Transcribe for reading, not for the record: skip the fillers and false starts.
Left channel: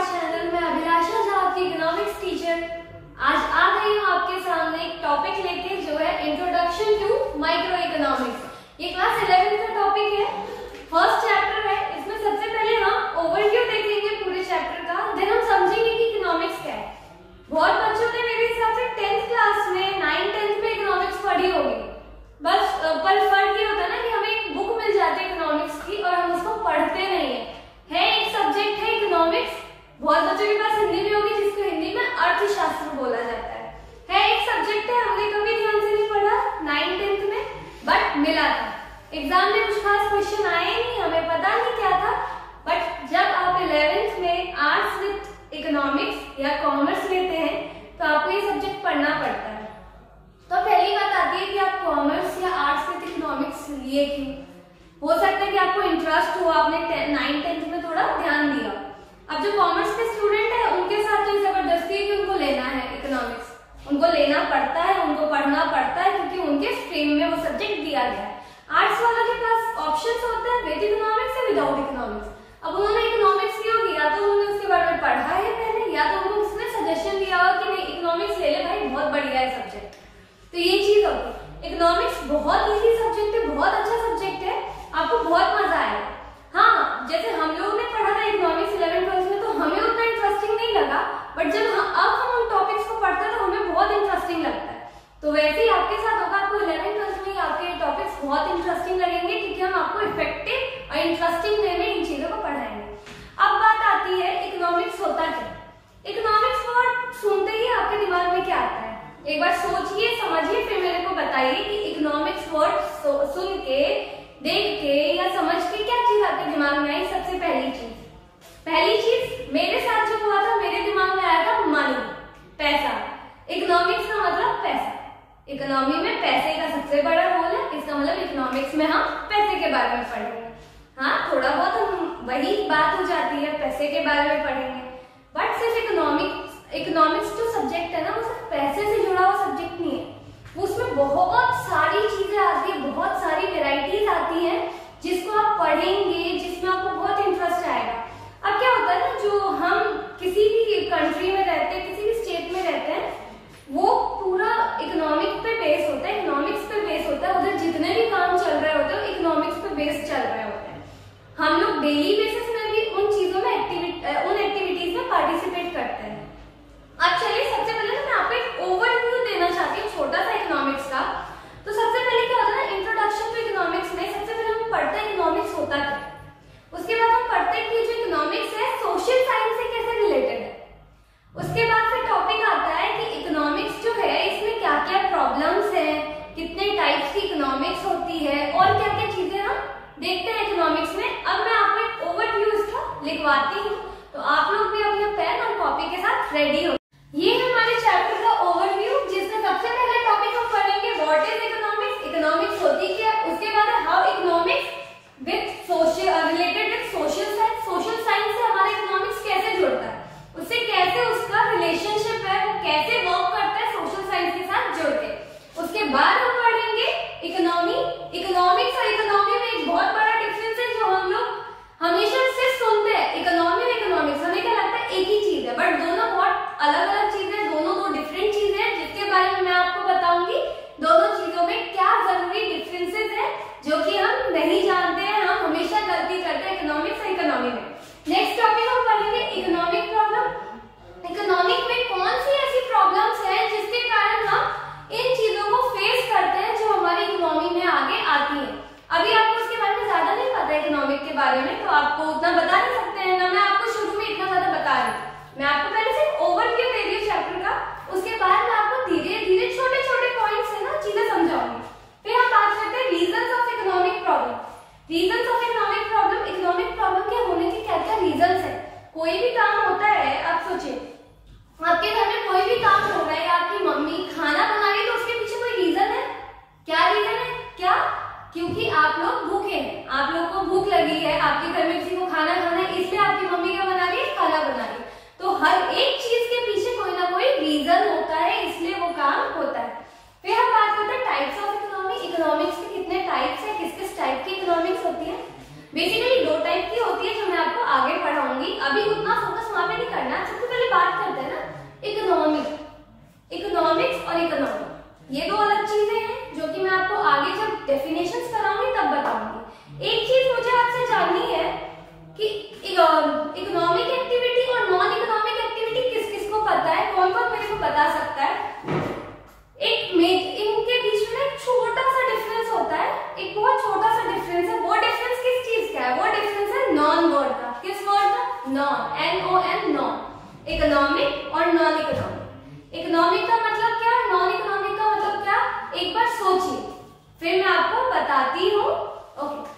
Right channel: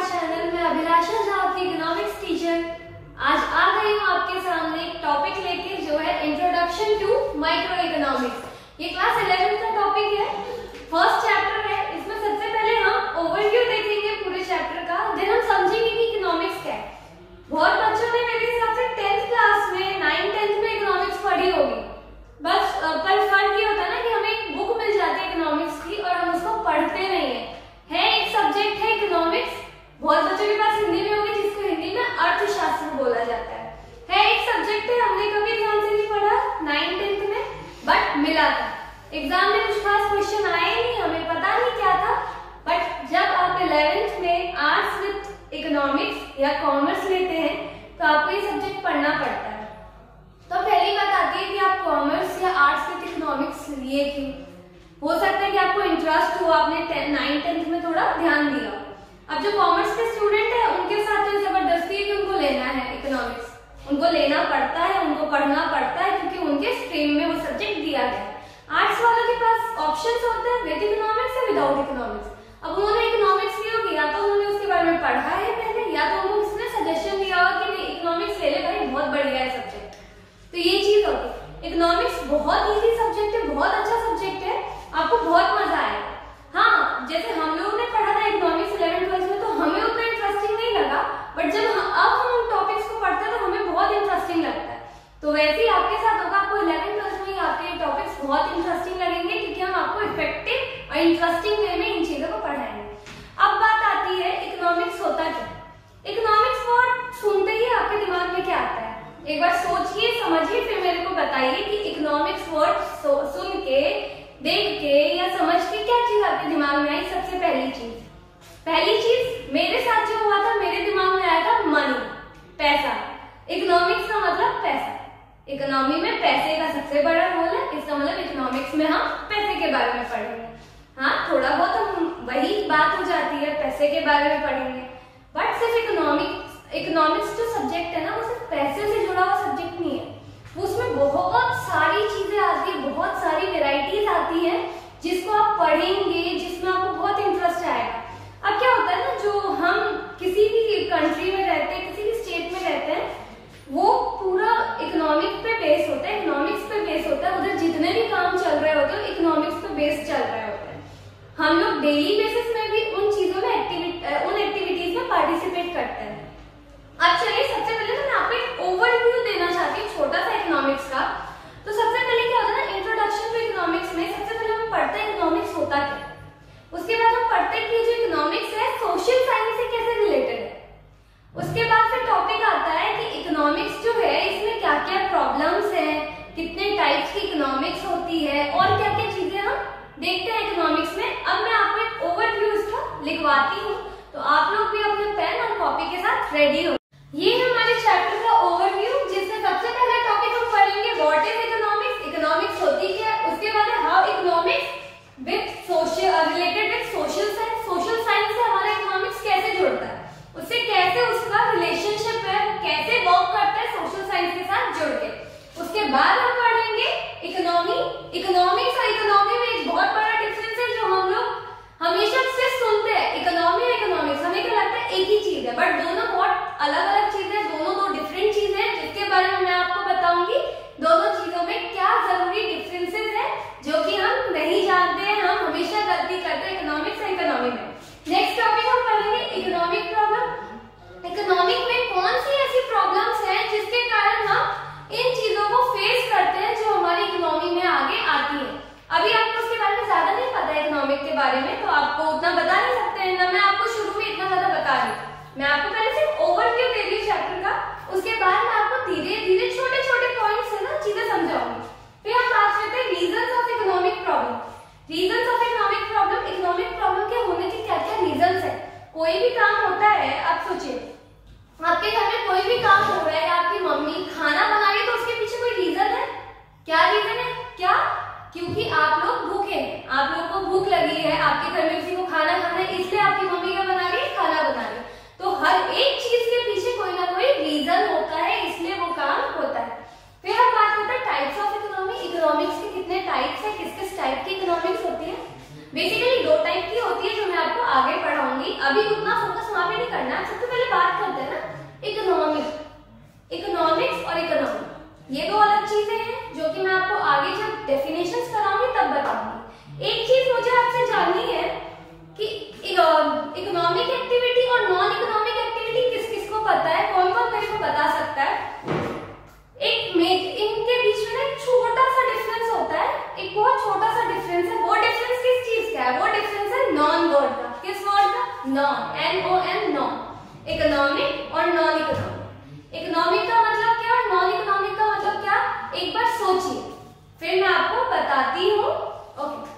Our channel में अभिलाषा झा, आपकी economics teacher. आज आ गई हूँ आपके सामने एक टॉपिक लेके जो है इंट्रोडक्शन टू माइक्रो इकोनॉमिक्स। ये क्लास 11 का टॉपिक है, फर्स्ट चैप्टर है। इसमें सबसे पहले हम ओवरव्यू देखेंगे पूरे चैप्टर का, देन हम समझेंगे कि इकोनॉमिक्स क्या है। बहुत बच्चों ने मेरे हिसाब से 10th क्लास में 9th 10th में इकोनॉमिक्स पढ़ी होगी, बस पर फर्क ये होता है ना कि हमें एक बुक मिल जाती है इकोनॉमिक्स की और हम उसको पढ़ते नहीं है एक सब्जेक्ट है इकोनॉमिक्स। बहुत बच्चों के पास हिंदी में होगी, जिसको हिंदी में अर्थशास्त्र बोला जाता है एक सब्जेक्ट है। हमने कभी ध्यान से नहीं पढ़ा 9th 10th में, बट मिला था एग्जाम में, कुछ खास क्वेश्चन आए नहीं, हमें पता नहीं क्या था। बट जब आप 11th में आर्ट्स विद इकोनॉमिक्स या कॉमर्स लेते हैं तो आपको ये सब्जेक्ट पढ़ना पड़ता है। तो पहली बात आती है कि आप कॉमर्स या आर्ट्स विद इकोनॉमिक्स लिए क्यों। हो सकता है कि आपको इंटरेस्ट हो, आपने 9th 10th में थोड़ा ध्यान दिया। अब जो कॉमर्स के स्टूडेंट है उनके साथ तो जबरदस्ती है कि उनको लेना है इकोनॉमिक्स, उनको लेना पड़ता है, उनको पढ़ना पड़ता है, क्योंकि उनके स्ट्रीम में वो सब्जेक्ट दिया गया है। आर्ट्स वालों के पास ऑप्शंस होते हैं विद इकोनॉमिक्स या विदाउट इकोनॉमिक्स। अब उन्होंने इकोनॉमिक्स क्यों किया, तो उन्होंने उसके बारे में पढ़ा है पहले, या तो उनको किसी ने सजेशन दिया हो कि नहीं इकोनॉमिक्स ले ले भाई, बहुत बढ़िया है सब्जेक्ट। तो ये चीज होगी। इकोनॉमिक्स बहुत इजी सब्जेक्ट है, बहुत अच्छा सब्जेक्ट है, आपको बहुत मजा आएगा। हाँ, जैसे हम लोगों ने पढ़ा था इकोनॉमिक्स 11th 12th में, तो हमें उतना इंटरेस्टिंग नहीं लगा, बट जब अब हम उन टॉपिक्स को पढ़ते हैं तो हमें बहुत इंटरेस्टिंग लगता है। तो वैसे ही आपके साथ होगा, आपको 11th 12th में आपके टॉपिक्स बहुत इंटरेस्टिंग लगेंगे, क्योंकि हम आपको इफेक्टिव और इंटरेस्टिंग वे में इन चीजों को पढ़ाएंगे। अब बात आती है इकोनॉमिक्स होता क्या। इकोनॉमिक्स वर्ड सुनते ही आपके दिमाग में क्या आता है, एक बार सोचिए, समझिए, फिर मेरे को बताइए कि इकोनॉमिक्स वर्ड सुन के, देख के या समझ के क्या चीज आपके दिमाग में आई। सबसे पहली चीज मेरे साथ जो हुआ था, मेरे दिमाग में आया था मनी, पैसा। इकोनॉमिक्स का मतलब पैसा, इकोनॉमी में पैसे का सबसे बड़ा रोल है, इसका मतलब इकोनॉमिक्स में हम पैसे के बारे में पढ़ेंगे। हाँ, थोड़ा बहुत हम वही बात हो जाती है, पैसे के बारे में पढ़ेंगे, बट सिर्फ इकोनॉमिक्स जो सब्जेक्ट है ना, वो सिर्फ पैसे से जुड़ा हुआ सब्जेक्ट नहीं है। उसमें बहुत सारी चीजें आती है, बहुत सारी वेराइटीज आती हैं जिसको आप पढ़ेंगे, जिसमें आपको बहुत इंटरेस्ट आएगा। अब क्या होता है ना, जो हम किसी भी कंट्री में रहते हैं, किसी भी स्टेट में रहते हैं, वो पूरा इकोनॉमिक्स पे बेस होता है, उधर जितने भी काम चल रहे होते हैं इकोनॉमिक्स पे बेस चल रहे होते हैं। हम लोग डेली बेसिस में भी उन चीजों में उन एक्टिविटीज में पार्टिसिपेट करते हैं। अब चलिए, सबसे पहले ना मैं आपको एक ओवरव्यू देना चाहती हूँ छोटा सा इकोनॉमिक्स का। तो सबसे पहले क्या होता है ना, इंट्रोडक्शन टू इकोनॉमिक्स में सबसे पहले हम पढ़ते हैं इकोनॉमिक्स होता क्या। उसके बाद हम पढ़ते हैं कि जो इकोनॉमिक्स है सोशल साइंस से कैसे रिलेटेड है। उसके बाद फिर टॉपिक आता है कि इकोनॉमिक्स जो है इसमें क्या क्या प्रॉब्लम्स है, कितने टाइप्स की इकोनॉमिक्स होती है, और क्या क्या चीजें हम देखते हैं इकोनॉमिक्स में। अब मैं आपको एक ओवरव्यू इसका लिखवाती हूँ, तो आप लोग भी अपने पेन और कॉपी के साथ रेडी हो। ये है हमारे चैप्टर का ओवरव्यू, जिसमें सबसे पहले टॉपिक हम पढ़ेंगे व्हाट इज इकोनॉमिक्स, इकोनॉमिक्स होती क्या है। उसके बाद है how economics with related with social science, social science से हमारा इकोनॉमिक्स कैसे जुड़ता है, उससे कैसे उसका रिलेशनशिप है, वो कैसे वर्क करता है सोशल साइंस के साथ जुड़ के। उसके बाद हम पढ़ेंगे इकोनॉमिक्स और इकोनॉमी में एक बहुत बड़ा डिफरेंस है, जो हम लोग हमेशा सिर्फ सुनते हैं इकोनॉमी और इकोनॉमिक्स, हमें क्या लगता है एक ही चीज है, बट दोनों बहुत अलग अलग चीजें हैं, दोनों दो डिफरेंट चीजें हैं, जिसके बारे में मैं आपको बताऊंगी। दोनों चीजों में क्या जरूरी डिफरेंसेस है जो कि हम नहीं जानते हैं, हम हमेशा गलती करते हैं इकोनॉमिक्स और इकोनॉमी में। नेक्स्ट टॉपिक हम पढ़ेंगे इकोनॉमिक प्रॉब्लम। इकोनॉमिक में कौन सी ऐसी प्रॉब्लम्स हैं जिसके कारण हम इन चीजों को फेस करते हैं, जो हमारी इकोनॉमी में आगे आती है। अभी आपको उसके बारे में ज्यादा नहीं पता है इकोनॉमिक के बारे में, तो आपको उतना बता नहीं सकते हैं ना, मैं आपको शुरू में इतना ज्यादा बता रही हूँ। मैं आपको पहले सिर्फ ओवरव्यू दे रही हूँ चैप्टर का, उसके बाद मैं आपको धीरे धीरे छोटे छोटे पॉइंट्स है ना चीजें समझाऊंगी। फिर हम बात करते हैं reasons of economic problem. Reasons of economic problem, economic problem के होने के क्या क्या रीजंस है। कोई भी काम होता है, आप सोचिए आपके घर में कोई भी काम हो रहा है, आपकी मम्मी खाना बना रही है, तो उसके पीछे कोई रीजन है। क्या रीजन है? क्या? क्योंकि आप लोग भूखे हैं, आप लोग को भूख लगी है, आपके घर में किसी को खाना खाना है, इसलिए आपकी मम्मी क्या बना रही है, खाना बना रही है। तो हर एक चीज के पीछे कोई ना कोई रीजन होता है, इसलिए वो काम होता है। फिर हम बात करते हैं टाइप्स ऑफ इकोनॉमी। इकोनॉमिक्स के कितने टाइप्स है, किस किस टाइप की इकोनॉमिक्स होती है। बेसिकली दो टाइप की होती है, जो मैं आपको आगे पढ़ाऊंगी, अभी उतना फोकस वहां पे नहीं ये दो अलग चीजें हैं जो कि मैं आपको आगे जब डेफिनेशंस कराऊंगी तब बताऊंगी। एक चीज मुझे आपसे जाननी है कि इकोनॉमिक एक्टिविटी और नॉन इकोनॉमिक एक्टिविटी किस किस को पता है, कौन कौन मेरे को बता सकता है। इनके बीच में ना एक छोटा सा डिफरेंस होता है, एक बहुत छोटा सा डिफरेंस है। वो डिफरेंस किस चीज का है? वो डिफरेंस है नॉन वर्ड का। किस वर्ड का? Non, NON, non. इकोनॉमिक और नॉन इकोनॉमिक। इकोनॉमिक का मतलब क्या, नॉन इकोनॉमिक का मतलब क्या, एक बार सोचिए, फिर मैं आपको बताती हूँ। ओके,